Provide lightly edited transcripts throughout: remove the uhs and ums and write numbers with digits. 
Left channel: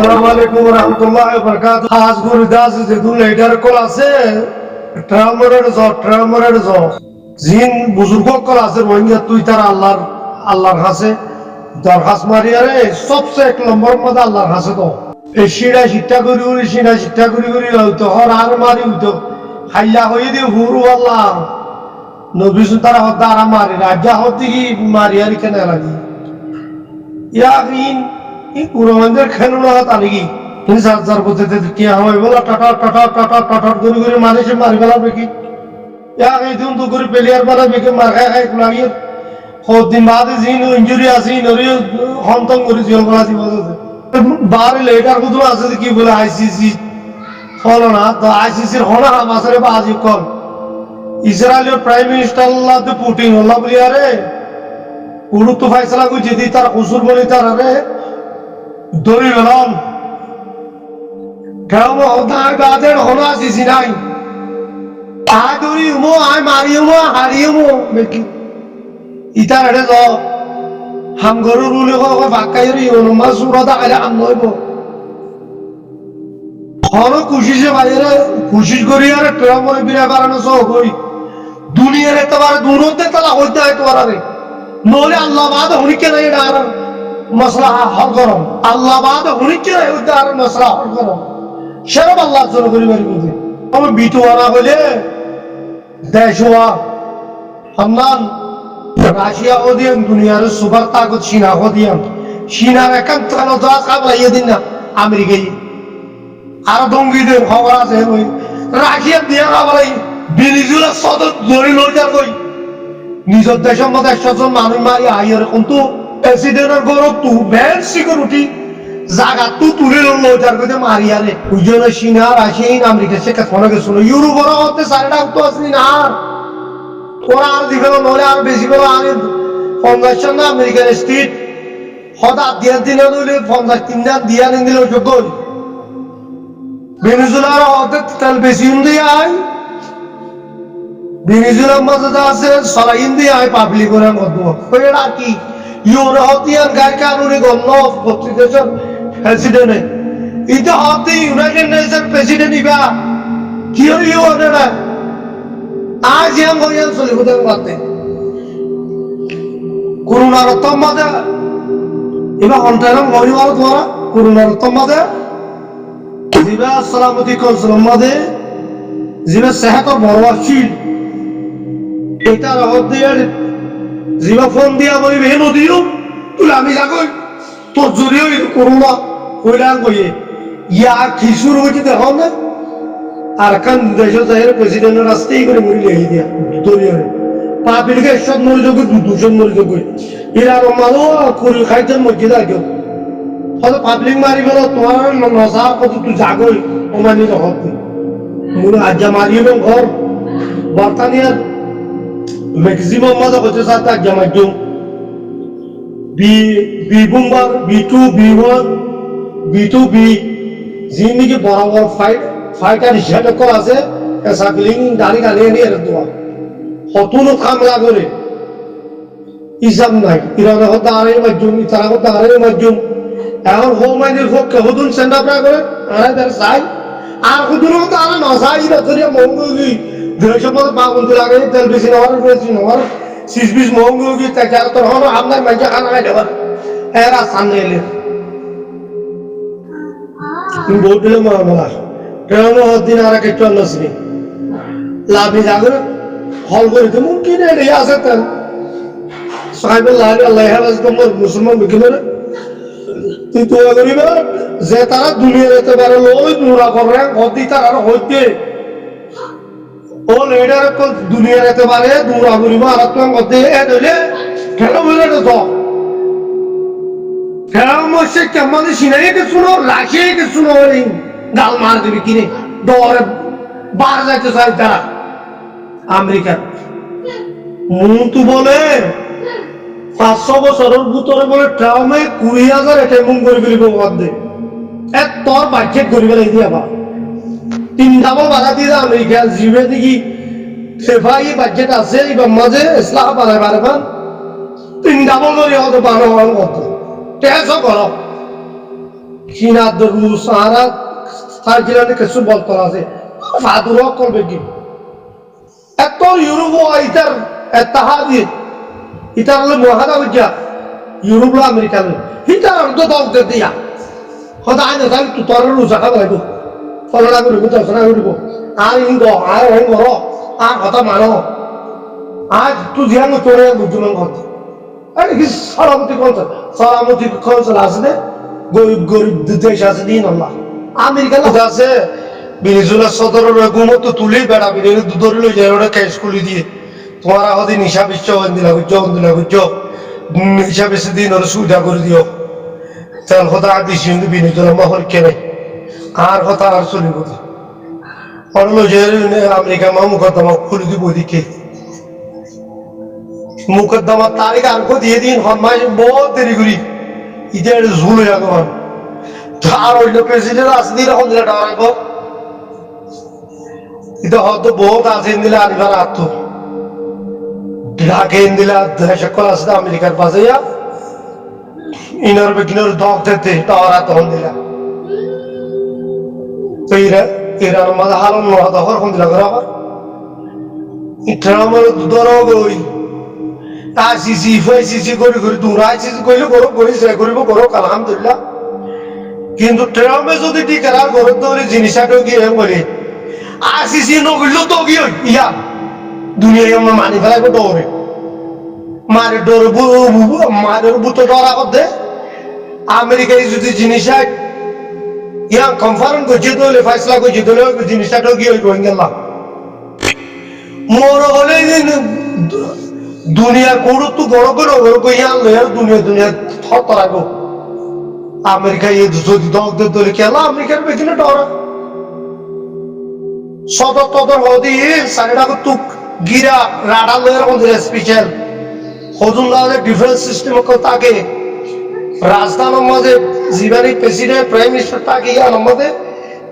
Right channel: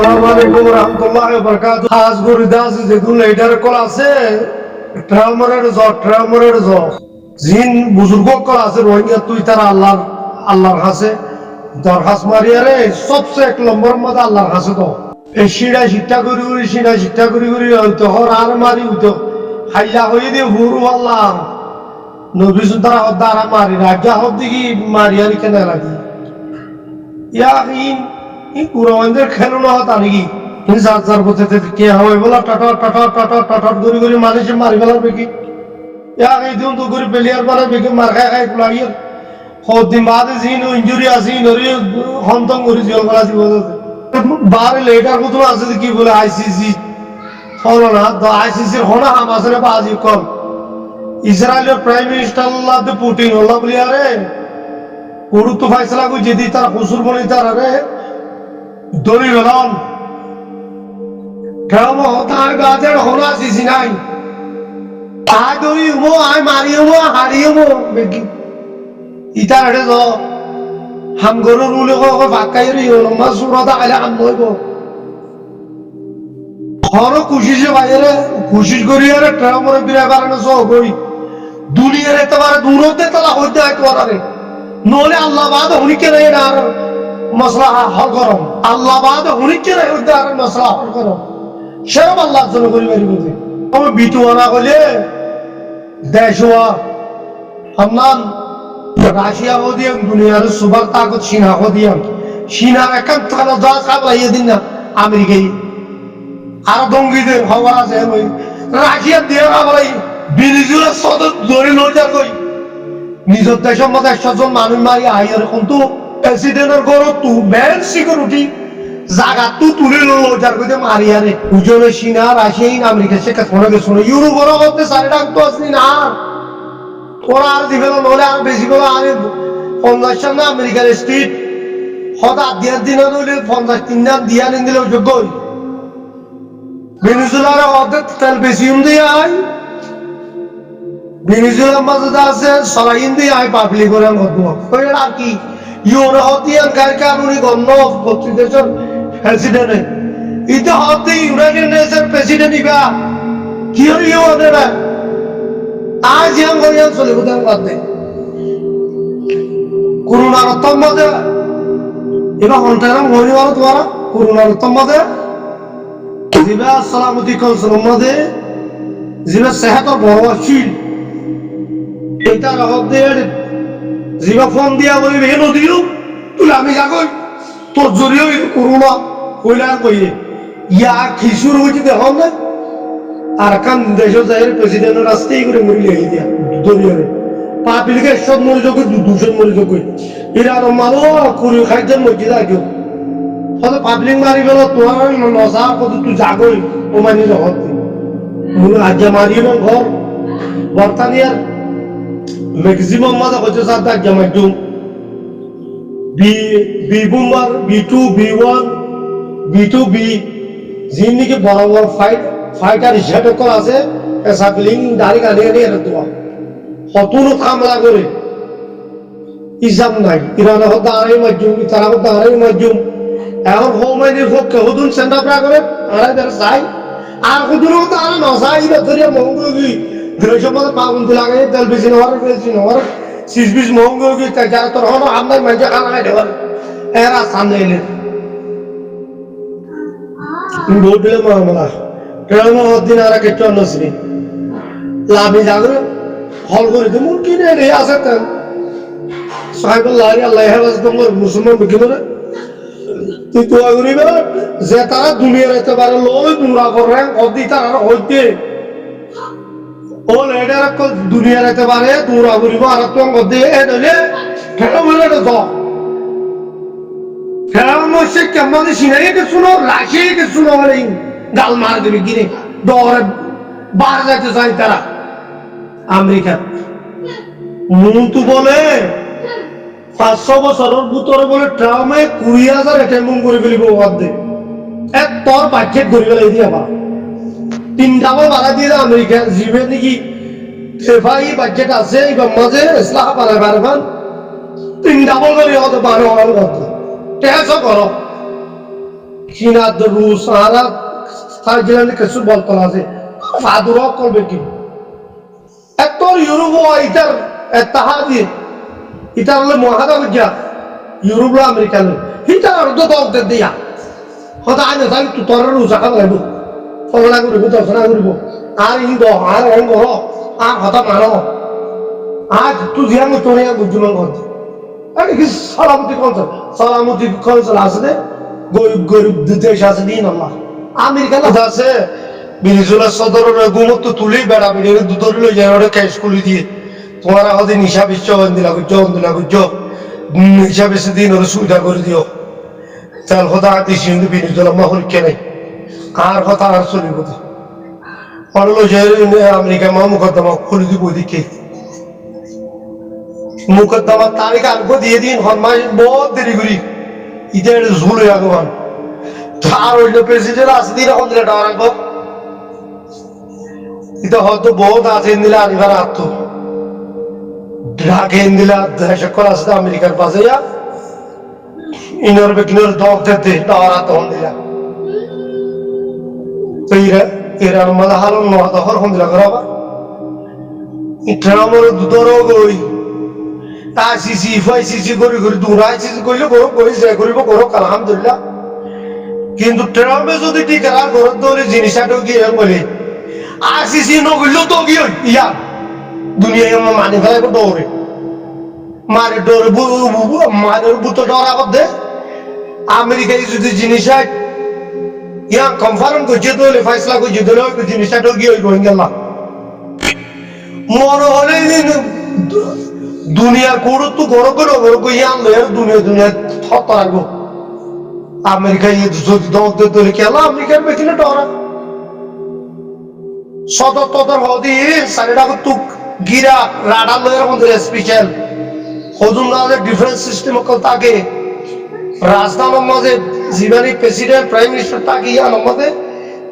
আসসালামু আলাইকুম ওয়া রাহমাতুল্লাহি ওয়া বারাকাতুহু। আজ গুরুদাস যেগুন লেটার কল আছে ট্রামরের জ জিন বুজুর্গ কল আছে রোহিঙ্গা তুই তার আল্লাহর কাছে দরখাস্ত মারিয়ারে সবচেয়ে এক নম্বর মধ্যে আল্লাহর কাছে তো এই শিরা শিক্ষা করি হয়তো হর আর মারি হইতো হাইয়া হয়ে দিয়ে হুরু আল্লাহ নবী তারা হদ্দা আর মারি রাজা হদ্দিকি মারিয়ারি কেন লাগি ইয়া এই কুরবানদের খেলো না হতা নাকি যার বলতে কে হয় বলা টাটা গড়ি মানুষে মারি ফেলার বেকি এই দিন তো করে প্লেয়ার বানাবে কি মার খাই লাগিয়ে দিন বাদে জিন ইঞ্জুরি আছে নরিও হন্তং করে জল গলা দিব বারে লেটার কত আছে কি বলে আইসিসি ফলো না তো আইসিসির হনা হাম আসলে বা আজি কল ইসরায়েলের প্রাইম মিনিস্টার আল্লাহ পুটিন আল্লাহ বলি আরে পুরু তো ফাইসলা কই যদি তার কসুর বলি তার আরে দড়ি গেলাম কেমন হতায় বাজের হনা আসিসি নাই আয় দড়ি উমো আয় মারি উমো হারি উমো বেকি ইতার আরে য হাম গরু রুলে কো বাকাইরি ওনমা সুরাদা আলে আম নইব হন কুশিসে বাইরে কুশিস করি আরে ট্রামরে বিরে বারানো সো কই দুনিয়ার এতবারে দূরতে তালা হইতে হয় তোর আরে নহলে আল্লাহ বাদ হুনিকে নাই এটা আর মশলা হল করো আল্লাহ বাদ হুনিকে নাই হইতে আর মশলা হল করো সেরকম আল্লাহর জন্য করি বাড়ি বুঝি আমি বিটুয়ানা কইলে দেশওয়া হান্নান রাশিয়া ওদিয়ান দুনিয়ার সুপার তাকত চীনা ওদিয়ান চীনার একান থানো জাহাজ কাবলা ইয়ে দিন না আমেরিকাই আর দঙ্গিদের খবর আছে ওই রাশিয়া দিয়া কাবলাই ভেনিজুয়েলার সদর ধরে লইজার কই নিজের দেশের মধ্যে 100 জন মানুষ মারি আইয়ার কিন্তু প্রেসিডেন্টের গরত তু বেল সিকিউরিটি জায়গা তু তুলে লইজার কইতে মারি আরে উজনে চীনা রাশিয়া আমেরিকা সে কোন কিছু না ইউরোপের হতে সারিটা তো আসনি না ওরা আর দিবেন নহলে আর বেশি করে আর 50 না আমেরিকার স্ট্রিট হঠাৎ দিয়ার দিন হইলে 53 না দিয়া নিন দিলে যোগ্য ভেনিজুয়েলার হতে তেল বেশি দিয়ে আয় ভেনিজুয়েলার মাঝে যা আছে সরাইন দিয়ে আয় পাবলিক করে কই আর কি ইউরোপিয়ান গাড়ি কানুনি গন্ধ প্রতিদেশের প্রেসিডেন্ট এটা হতে ইউনাইটেড নেশন প্রেসিডেন্ট ইবা কি হইও ওরা আজ हम গইয়া চলে বুঝান করতে করোনার তম্মাদে এবা হন্টারাম গরিবার তোরা করোনার তম্মাদে জিবা সালামতি কনসলম মাদে জিবা সেহত বড় আছিল এটা রহত দিয়ে জিবা ফোন দিয়া বলিবে হে নদিও তুই আমি যাগই তোর জরিও করোনা কইলাম কইয়ে ইয়া কি শুরু হইছে দেখো না আর কান দেশের জাহের প্রেসিডেন্টের রাস্তাই করে মরি লেগে দিয়া দরিয়ারে পাপিলকে 100 মরি যোগ 200 মরি যোগ ইরান মালো কুরি খাইজন মসজিদ আগে হয়তো পাবলিক মারি গেল তোমার নসা কত তুই জাগই ও মানি রহত মূল আজ্জা মারিও না ঘর বর্তানিয়ার ম্যাক্সিমাম মাঝে হচ্ছে সাত আজ্জা মাধ্যম B বুম্বার B2 B1 B2 B জিন্দিগি বড় বড় ফাইটার হিসাবে করা আছে এসা ফিলিং দাড়ি গানে এনে এর দোয়া হতুনো কামলা করে ইজাম নাই ইরান হত দাঁড়াই মাধ্যম ইতারা হত দাঁড়াই মাধ্যম এখন হোমাইনের পক্ষে হতুন সেন্ডাপরা করে আড়াই তার চাই আর হতুন হতো আর নসাই ইবা ধরিয়া মহঙ্গি দেশের মধ্যে পাগুন্তি লাগে তেল বেশি নেওয়ার 20 মহঙ্গি যার তোর হনো আমদাই মানুষ খানা খাই দেওয়ার এরা সামনে এলে ভোট দিলে মহামলা ট্রেনও দিন আর কিছু নসরি লাভি জাগরে হল করে যেমন কিনে রে আছে তেল সাহেবুল্লাহ আল্লাহ হেফাজ তোমার মুসলমান বিকিমের তুই তো করিবে যে তারা দুনিয়ার এতে পারে লোলে দুরা করে অদি তার আর হইতে ও লেডার কল দুনিয়ার এতে পারে দুরা করিব আর তো অদি এ দলে কেন বলে তো মশে কেমন সিনাই কে শুনো রাশিয়া কে শুনো বলে গাল মার দেবে কিনে দৌড়ে বার যাইতে চাই তারা আমেরিকার মন্তু বলে 500 বছরের ভিতরে বলে ট্রামে 20,000 অ্যাটেম্প করে ফেলিব অর্ধে এক তোর বাজেট করে ফেলে দিয়া বা 3 ডাবল বাড়া দিয়ে আমেরিকা জিবে নাকি সেফাই বাজেট আছে এবার মাঝে ইসলাম পারবেন 3 ডাবল করে হতে 12 অর্ধ টেসও করো চীনা রুশ আরা থাইল্যান্ডে কিছু বলতল আছে ফাদুর করবে কি এত ইউরোপ ইটার এত্তাহাদি ইটার হলো মহাদা বুঝা ইউরোপ লো আমেরিকা লো হিটার অর্ধ দল দিয়া হয়তো আনে তাহলে তো তোর রুশ আঁকা বলাইব ফলনা করিব দর্শনা করিব আর ইন্দ আর ওই ঘর আর কথা মানো আজ তুই জিয়ান চলে বুঝুমান কথা আরে কি সালামতি কনসাল আছে দে গরিব গরিব দেশ আছে দিন আল্লাহ আমেরিকা আছে বিনিজুলা সদরের গুমত তুলেই বেড়া বেরিয়ে ধরে লই যায় ওটা ক্যাশ খুলি দিয়ে তোমার হদি নিশা বিশ্ব দিলা গুজ্জ নিশা বেশি দিন ওরা সুবিধা করে দিও তেল কথা দিছি কিন্তু বিনিজুলা মাহল কে নাই আর কথা আর চলিব ওরা লই যায় আমেরিকা মা মুকদ্দমা খুলি দিব ওইদিকে মুকদ্দমা তারিখ আর দিয়ে দিন হরমাই বহুত দেরি করি ইদের ঝুল হয়ে গেল আর হইল প্রেসিডেন্ট আছে দিন এখন দিলে ডর রাখবো এটা হয়তো বহুত আছে দিলে আনিবার আত্ম ঢাকে দিলা সকল আছে আমেরিকার পাশে ইনর বেকিনর দক দিতে ডর তখন দিলা তো ইরান মাঝে হালন নয় হরখন দিলা করো আবার ইটা আমার দুধর গই আসিসি ফাইসিসি করি করি দূরা আইসিসি কইলে করো করি যে করিব করো আলহামদুলিল্লাহ কিন্তু ট্রাম্পে যদি টিকার ঘরের দৌড়ে জিনিসটা গিয়ে বলে আসিসি নগরলেও তো গিয়ে ইয়া দুনিয়ায় মানি ফেলাইব দৌড়ে মারে ডরে মারের বুতো ডরা করতে আমেরিকায় যদি জিনিস ইয়া কনফারেন্স করছে দলে ফাইসলা করছে দলে জিনিসটা গিয়ে রোহিঙ্গা মনে হলে দুনিয়ার কোড় তো গড় করে ইয়ে আনলো আর দুনিয়া থরাগো আমেরিকায় যদি দগদের দলে খেলা আমেরিকার বেকিনে ডরা সদর তদর হদি সারিটা তুক গিরা রাডার লয়ের মধ্যে স্পেশাল হজুন দাওয়ালে ডিফেন্স সিস্টেম থাকে রাজধানীর মাঝে জীবনী প্রেসিডেন্ট প্রাইম মিনিস্টার থাকে ইয়ার মধ্যে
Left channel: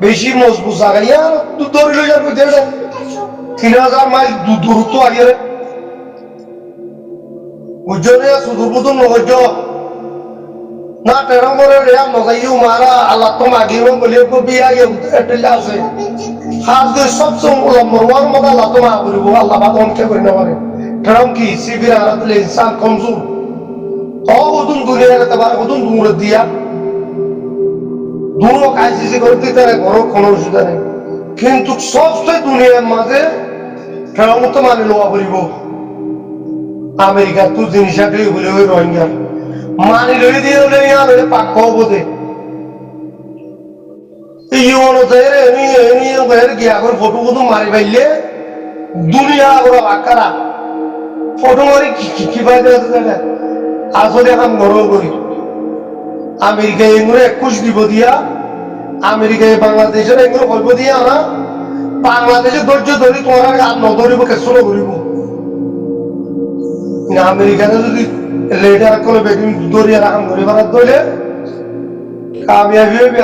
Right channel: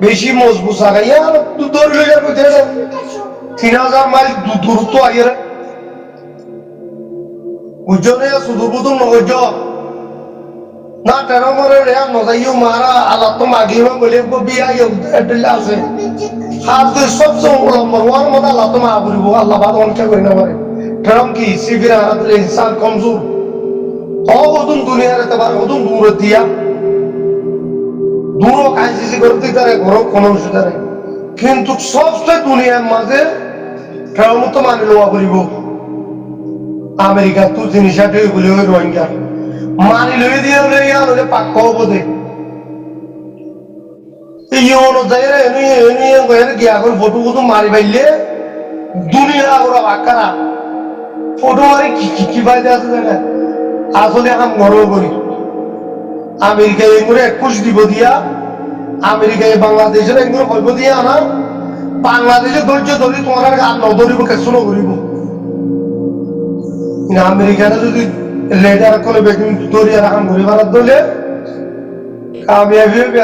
বেশি মজবুত জায়গা ইয়া দৌড়ি লই যার কইতে 3000 মাইল দূরত্ব আগে উজ্জনে সুদূরবুদুম নগজ না টেরামরে রেয়া নজাইও মারা আল্লাহ তো মাগিও বলে বিয়া এডলা আছে খাস সবচেয়ে নম্বর ওয়ান মধ্যে আল্লাহ তো মাগরিব আল্লাহ বাদ অনকে করে না পারে টেরাম কি সিবিরা আরাদলে ইনসান কমজোর তো ওদুন দুনিয়ার এতবার ওদুন দূর দিয়া দূর কাইসি করে দিতে রে ঘর কোন অসুবিধা নেই কিন্তু সবচেয়ে দুনিয়ার মাঝে টেরাম তো মানে লওয়া করিব আমেরিকা তো জিনিসটা বলে ওই রোহিঙ্গা মানি লই দিয়ে হলে পাক হবো দে ইউনো যাইরে এনি গিয়া করে ফটো ফটো মারি পাইলে দুনিয়া আগরা বাকারা ফটো মারি কি পাইতে আছে জায়গা আসলে এখন গরম করি আমেরিকায় এগুলো 21 দিব দিয়া আমেরিকায় বাংলাদেশের এগুলো হইব দিয়া না বাংলাদেশে ধৈর্য ধরি তোমার আর নধরিব কেসু নকরিব আমেরিকানে যদি লেটার করে বেকিং দরিয়া রাখাম ঘুরে বেড়াত ধরলে কামিয়াবি হইবে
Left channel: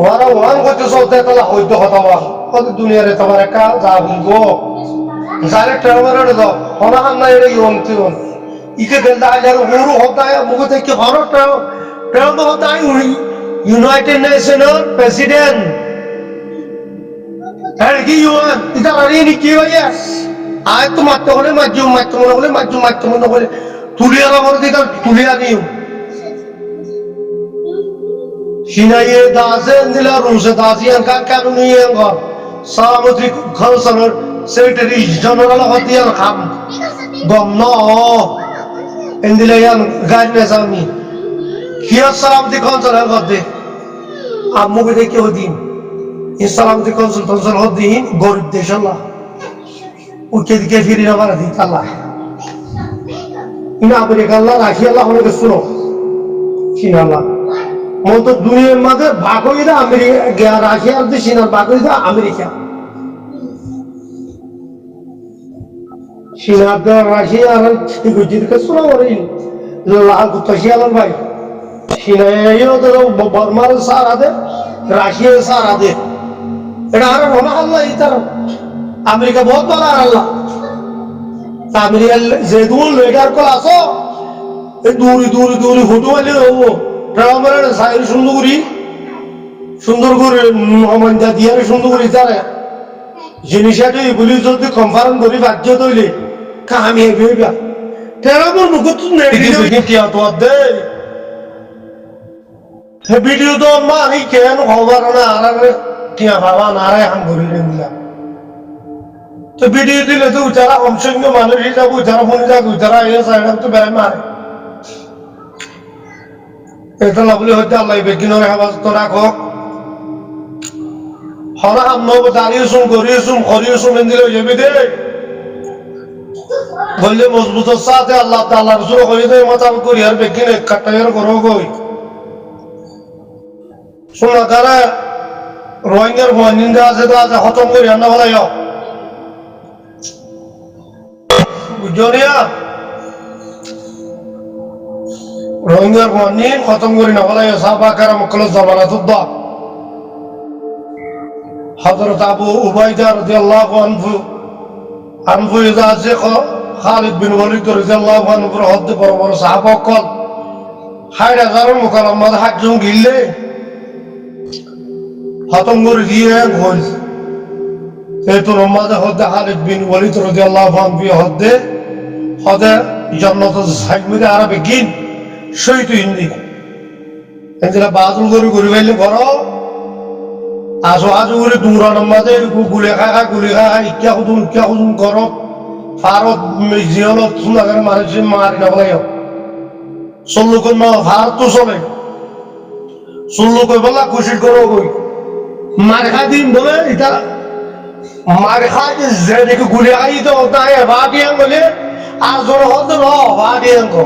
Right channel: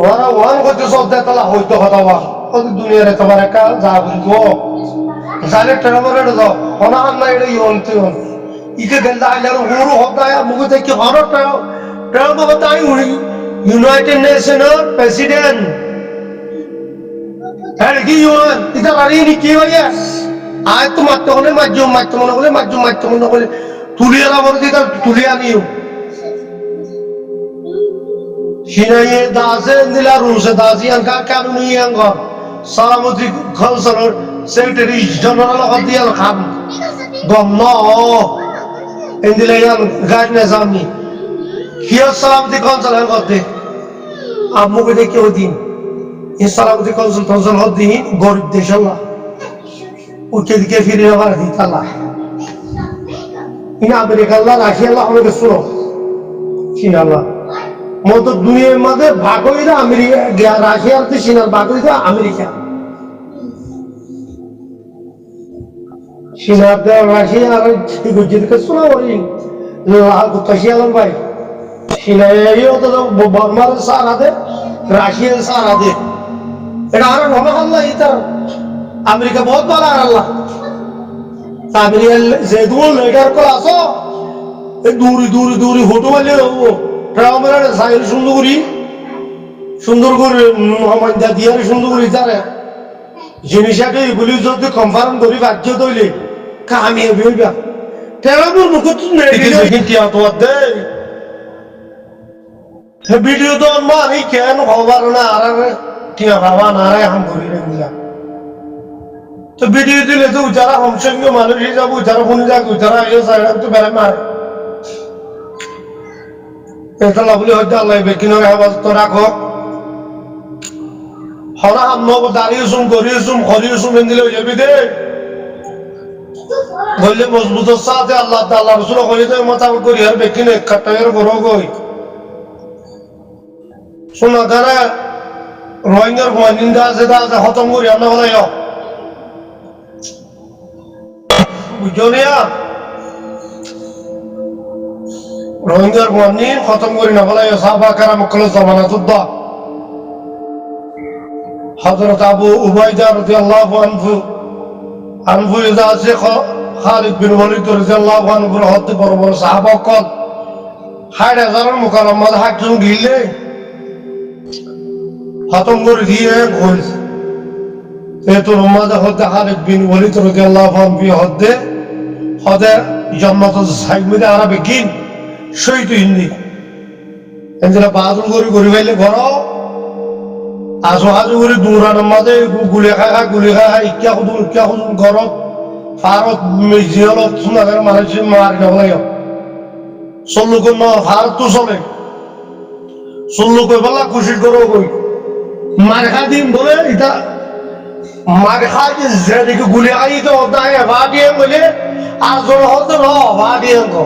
ওরা ওয়ান করতে সব দেখলা হইতে কথা কত দুনিয়ার তোমার একা যা বুঝবো যারে ট্রাভেলার যাও হনা হান্না এটা ইয়ন ইকে গেল আইলার হরু হতায় মুখ থেকে হর ট্রাভেল হতায় ইউনাইটেড নেশনের প্রেসিডেন্ট হ্যাঁ কি ইউএন এটা রানি কি হইয়া আজ তো মারতে হলে মারতে মনে হলে তুলিয়ার আবার দিকে তুলিয়া নিও সিনাইয়ে দাসে দিলা রুসে দাসিয়ান কানুনিয়ান সালামতি খলসনের সেক্রেটারি জেনারেল হদিয়াল খান গম ইন্দিলায়ান গাড়ি নিজামি কিয়া সালামতি খলসনের হদে আম্মুকে দেখে হদিন এই সালামতি খলসন হদিন গরিব দেশ আল্লাহ ওকে দিকে ফিরে আবার দিত আল্লাহ ইনা আমেরিকা আল্লাহ রাশি আল্লাহ আমাকে শুনো চীনা আল্লাহ মত দুনিয়ার মাঝে ভাগ হয়ে দা আমেরিকা রাশিয়ার যে চীনার ভাগ হয়ে দা আমেরিকা চীনার রাশিয়ার যেদিকে শোনা ওরে লাল কুত্তাশি আলম ভাই চীনাইও তো বর্মার সারা দে রাশিয়া সারা দে এটা আর রহমা আল্লাহ ইতার আমেরিকা বহুত ভালো আর আল্লাহ আমেরিকা যে দুল লেটার কল আসো এই দূরে দূরে দূরে ফটো মারলে হবো ট্রামের সাইড সুন্দর করে অমান্যা দিয়ে সুন্দর করে তারা জিনিসটা বলি যদি কনফার্ম করি বাধ্য তৈলে কামিয়াবি হইবা ট্রামের মুখত দেয় ভিডিও তো আমি কেন খবর না আর টিয়া বাবা নারায় হাম করি রে মিলা তো ভিডিও দিলে তো উচারা অংশজ্ঞ মানুষ হিসাবে উচারা শুনি যাক উচারা এ সাইডা তো বেড়ে মারে এটা লাভলি হইতে আল্লাহ বেকিনের হেফাজত রাখো হরা হাম দাঁড়িয়েছুম করিয়েছুম করিয়েছুম দিলে হয়ে যাবি দে বললে মজবুতের সাথে আল্লাহ আল্লাহ রসুল কই দে মোতাবেক করি আর বেকিনে কাটাইয়ের করো গই শোনা তারা রোহিঙ্গার নিন্দা আছে তা আছে খতম করি আন্না বলাই বুঝছো নিয়া রোহিঙ্গার মানি খতম করি না বলাই সাহাবা কারাম কল জামানাত দা হযরত আবু উবাইদা রাদিয়াল্লাহু আনহু ইদা আছে খালিদ বিন ওয়ালিদ রাদিয়াল্লাহু আনহুর হতে বড় বড় সাহাবা কল ৬০,০০০ মুকাররমাদ হাজুম গিলে খতম করে দিয়ে গোল এতো নমাজ হতে খালিদ বিন ওয়ালিদ রাদিয়াল্লাহু আনহু হতে জান্নাত সাইমে আরবে গিন শহীদ হিন্দি এনজলা বাদুল করি ফেললে ঘর আজু করে দূরা নমাজে গুলি খা ইক্যা খুদুম ঘর ফারত জিয়ালত সুনাগার মানুষ মারি না বলাই চল্লুক ফারত তো চলে চল্লু কই বলা খুশি করো কই মার খা দিন বলে এটা মার খা যে দেখে গুলি আই তো নাই ভাটিয়াং বলে আর জন হতো ন ভাটিয়াং কো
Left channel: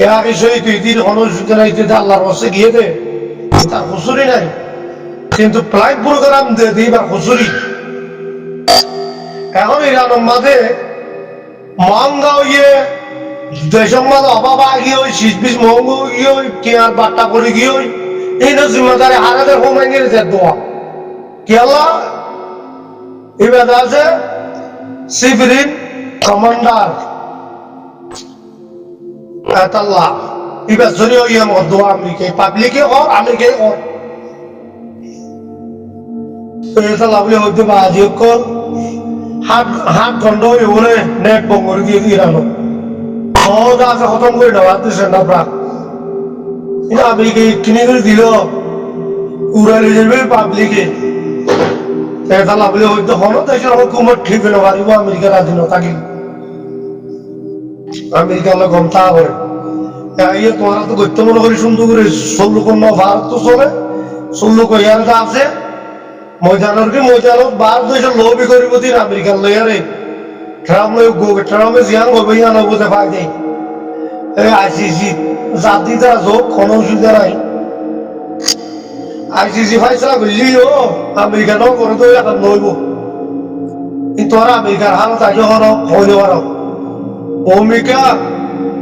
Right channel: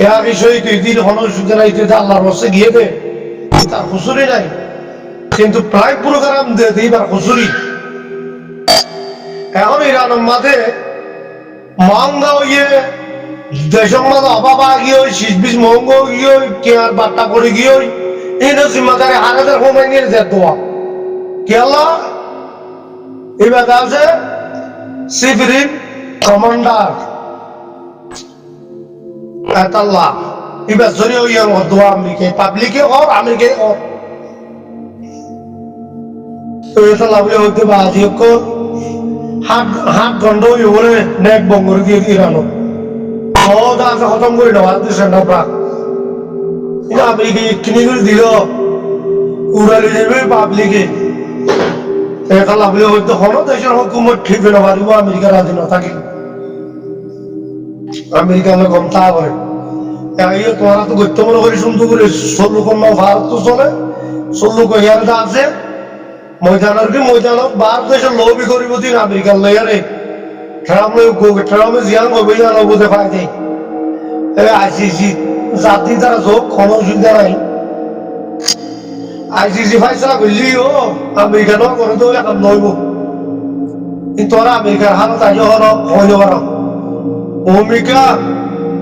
এ বিষয় তুই তীর হনসুজনাইতে আল্লাহর বসে গিয়ে দে তার হুজুরি নাই কিন্তু প্লাই প্রোগ্রাম দে এইবার হুজুরি এখন ইরানের মাঝে মহঙ্গা হইয়ে দেশের মাঝে অভাব গিয়ে শীষ মহঙ্গ গিয়ে কেয়ার বাট্টা করে গিয়ে এই জিম্মাদারি হারাদের হোমাই নিয়ে যে দোয়া কেলা এবার আছে সিভিলিন কমান্ডার আল্লাহ এবার জরিও ইয়াং দোয়া আমেরিকা পাবলিকে কর আমেরিকায় কর এটা লাভলি হইতে বা আজি হাত গন্ড বলে নেট বঙ্গর গিয়ে ইরানো সহজ আছে খতম করে নেওয়া দিচ্ছে না প্রাক এটা আমেরিকা কিনে করে দিল উড়ালি যাবে পাবলিকে এটা লাভলি হইতে হন দেশের হুকুমত ঠিক না পারিব আমেরিকার রাজি ন থাকি আমেরিকার লোক কম তা করে তোমরা তো গত্য মনে করি সুন্দর করে ১৬ কন্যা ভারত তো চলে ১৬ কহিয়ারটা আছে ময়দানের কি ময়দানত ভারত দেশের লবি করিব দিন আমেরিকার লয়ারে ট্রামে জিয়াং হবে ইয়া নবুঝে পাই দেয় আইসিসি জাতি দ্বারা যোগ কোনো অসুবিধা নাই আইসিসি ফাইসলা করলি ও আমেরিকা ন করে তো এখন নইব কিন্তু ওরা আমেরিকার হালত আজ হর হইলে পার ভূমিকা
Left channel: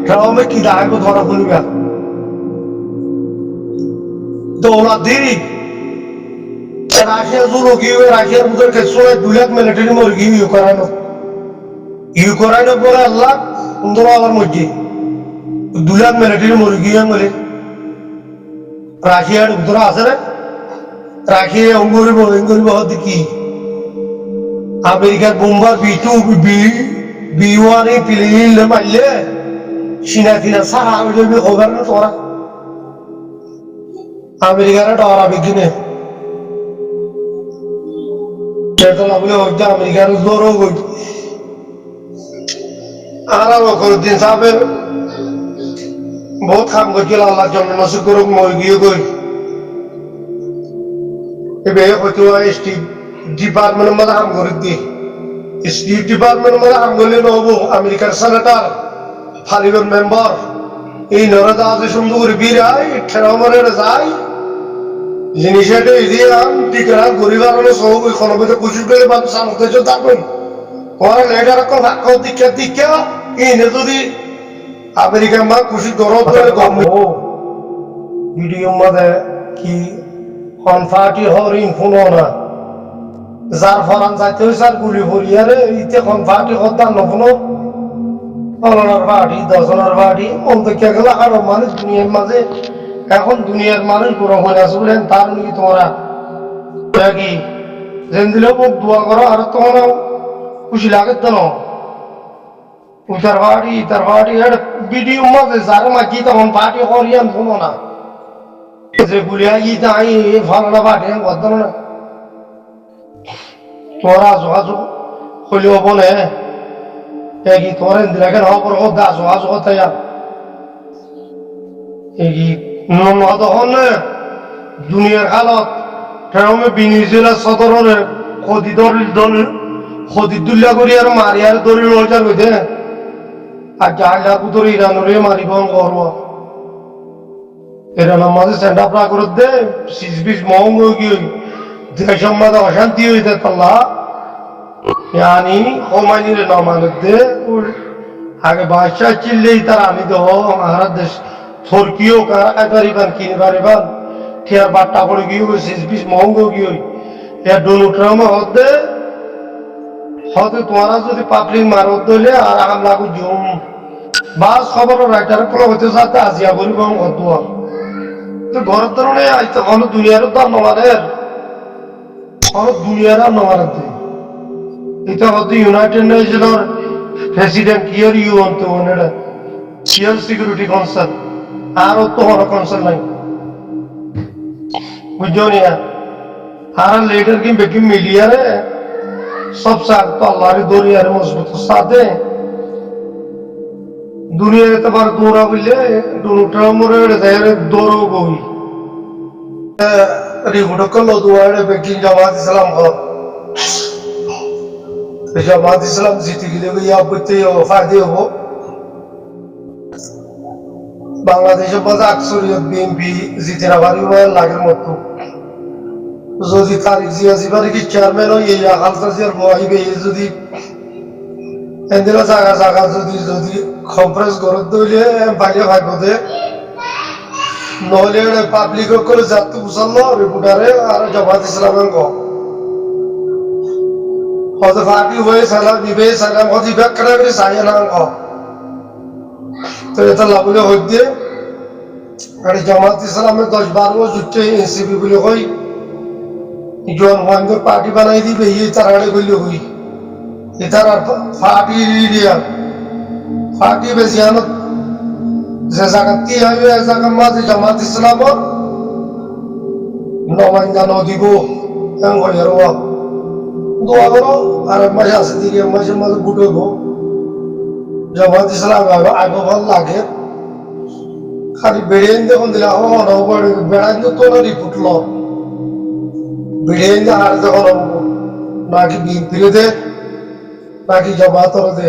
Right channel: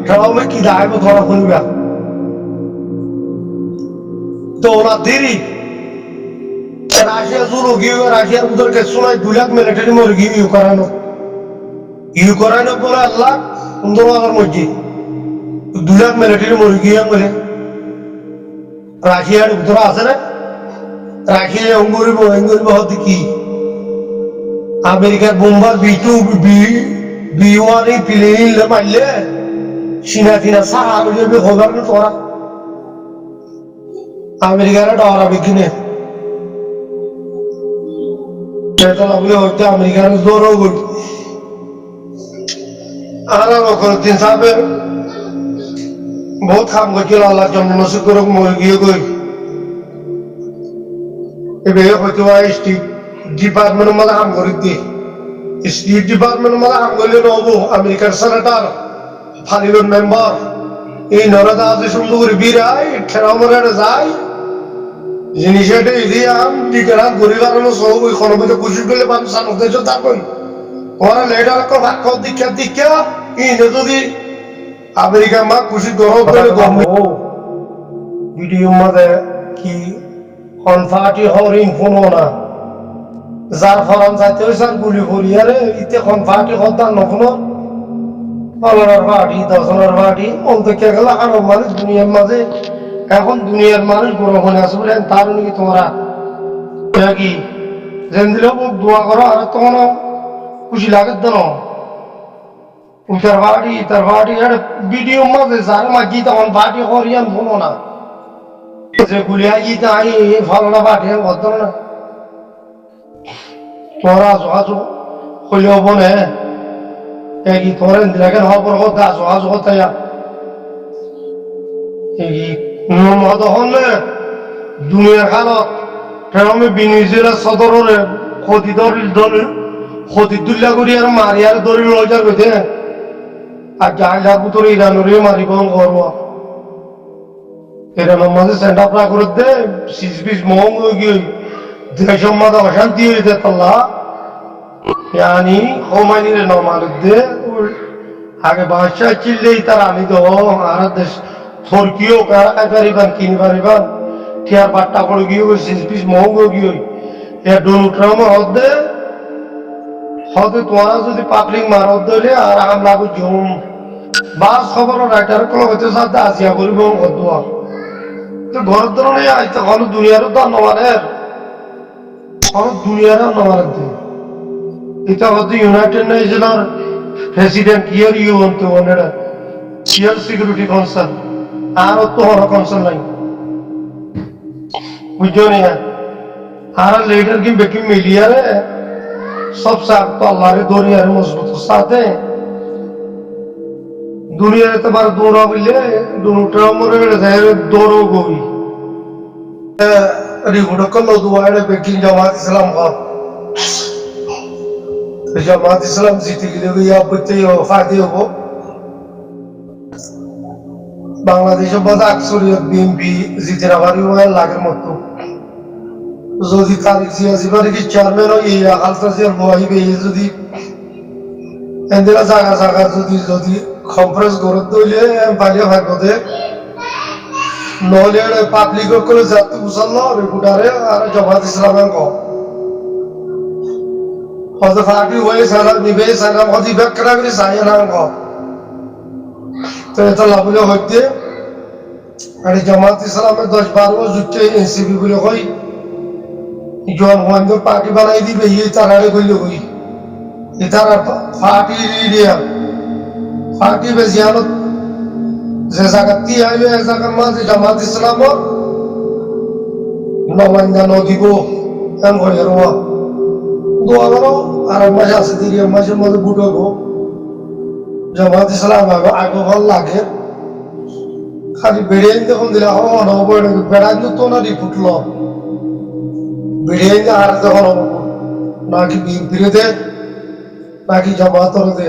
ট্রামে কি দায়ব ধরা খুলিবা দৌলা দেরি রাশিয়া জুড়ো গিয়ে রাশিয়ার বুধের সোলাই ২ লাখ মিলিটারি মরে গিয়ে ইউক্রাইন বলে আল্লাহ ১৫ হাজার মধ্যে ২ লাখ মিলিটারি মরে গিয়ে বলে রাশিয়ার বুধরা আছে না রাশিয়া অঙ্গুরিব হতে কি আমেরিকার বোম্বার B2 B1 প্লেন মারলে চীনা সারা হয়ে যাবে খবর না তোরা আমেরিকার ডরাবে কিনে লাভলে হইতে আমেরিকার জোরও গই আর দিন সাহেবের বহুত কাম করছিল আল্লাহর জন্য নসিব করুক মই গিয়ে গই এবার হয়তো স্টেট ডিপার্টমেন্টের মধ্যে কাম করে দিয়ে স্টেট ডিপার্টমেন্টের মধ্যে কাম করলে নহবো আমেরিকার সেনেটার পার্লামেন্ট মেম্বার এই নরদা আছে সুন্দর করে বিরাই ঠেরা মারে যায় জিনিসটা এদিয়াম টিকারা গরিবার হলে সব ওই কোনো মধ্যে কুচি পেলে মানুষ সামর্থ্য থাকবেন ওরা লেটার ভাগ্য দীক্ষা ইনে যদি আমেরিকান মা খুশি গরম করে ভিডিও মধ্যে কি কনফাটি হরিণ ফোনো না যার ফরান যাইতে হয়েছে আর গুলি ভরিয়ারে ইতে কনফাটি হদ্দার নফোনো ফলনার পার্টি দশনার পার্টি অন্তকে গেলে আরো মানুষ দুনিয়ার মাঝে এখন দুনিয়ার মানুষ গ্রহণ আছে বলেন তার নাকি তোমরা কি যেন দিলেও মোক দোয়া করো আর তখন খুশি লাগে দেন ইতার পার্টি ভিডিও মাঝে যারে মাঝি তখন পার্টি করিয়ান শোনো না যে গুলিয়া গিয়ে আই ফলনা পার্টি করত না তোরা যোগাযোগ হইলে হব নে কি তোরা দিলা কেন হবর কথা যোগাযোগ তাই তখন দুনিয়ার কালত প্রেমে বিনিজেলা সদরের ক্ষতি ক্ষতিদুল্লা করি আর মারি আর দরি রোজার কইতে আর জালটার ভিতরে ইরানুরে মারিব করব ইরানের মাঝে সেন্ড আপ করে দে সিজ বিশ মহং হয়ে গিয়ে দেশের মাঝে অশান্তি হইতে পারলা यानी होमानी रे नमानत दे आगे बादशाह चिल्ले तार आनी दो आर देश थोरकियो का करीबन किन करीबन टियार बाट्टा पड़ गई हो सिस बीस महंग हो गई या डोनाल्ड ट्रम्प होते तुम्हारा जो पापलिंग मारो दले और हम लागू जूम बास खबर राइटर कलो होते साथ आसिया करी बम कदुआ तो घर दरने आज तक हम दुनिया रो दान नमाने हम दुनिया रो नमाने दे এটা হচ্ছে ইউনাইটেড নেশনের প্রেসিডেন্ট ইয়ার ইউ অন্ত ওনেডা ইয়ার সিকিউরিটি কাউন্সিল আর তো হন কাউন্সিল নাই বুঝছো নি আর লিডার কি বেকি মিলিয়ারে সব সাথ তো আল্লাহর দরিয়ারে মজবুত সাথে দুনিয়ার এতবার দৌড়া বললে ডোনাল্ড ট্রাম্পের জায়গায় দৌড়ও গই রিপোর্ট করলো দুয়ারে বেকিং জামাত ইসলাম হক জামাত ইসলাম জিতে গেলে ইয়া বইতে ফায়দে হবো বাংলাদেশের মধ্যে আকসরিয়ত বিএনপি জিতে না পারি লাগের মতো যদি তারিখ জিয়া জিবারি কি চেয়ারম্যান হয় এই আকালতা জিয়ার বহাইবে যদি এন্দিলা জায়গা জায়গা যদি কনফারেন্স করে দইলে পালিয়ে ভাগবো দে নহলে পাবলিক করে যাতে বুঝালো রিপোর্টারে আর জামাত ইসলামের ক হয়তো পার্টি হয়ে সালাম নিবে সালাম হয়তো ব্যাগ করা করে চাই নাম ক তো এটা লাভলে হইতে আর জামাত ইসলামের 10-12 জুটে এনসিপি বলে কই জন মহেন্দ্র পার্টি বানাই দিবে এই তারাড়ে করলে কই এটার পার্টি রিডিয়া পার্টি বেজিয়ানত যে জায়গাতে আইবে এক জায়গার মাঝে জামাত ইসলাম নমান্যা নদীব এম হয়ে রোয়া দোয়া করো আর মাসে আছে 3 মাসের মধ্যে বুট হইব জামাত ইসলাম আগে ভাল লাগে খালি বেড়িয়ে দেখুন দিলে বেড়াই তো না ফুটল বেড়িয়ে আর যখন নাকি বিএনপিরে দে নাকি জামাতর দে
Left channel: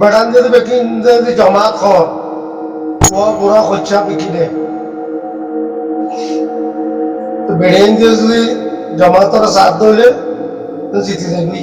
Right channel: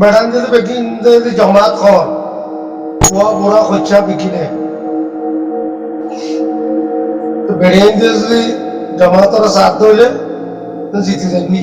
বেড়ান যদি বেকি যদি জামাত কর ওয়া বুড়া খরচা বিকিনে বেড়িয়ে যদি জামাতর সাথ দিলে জিতে যাবি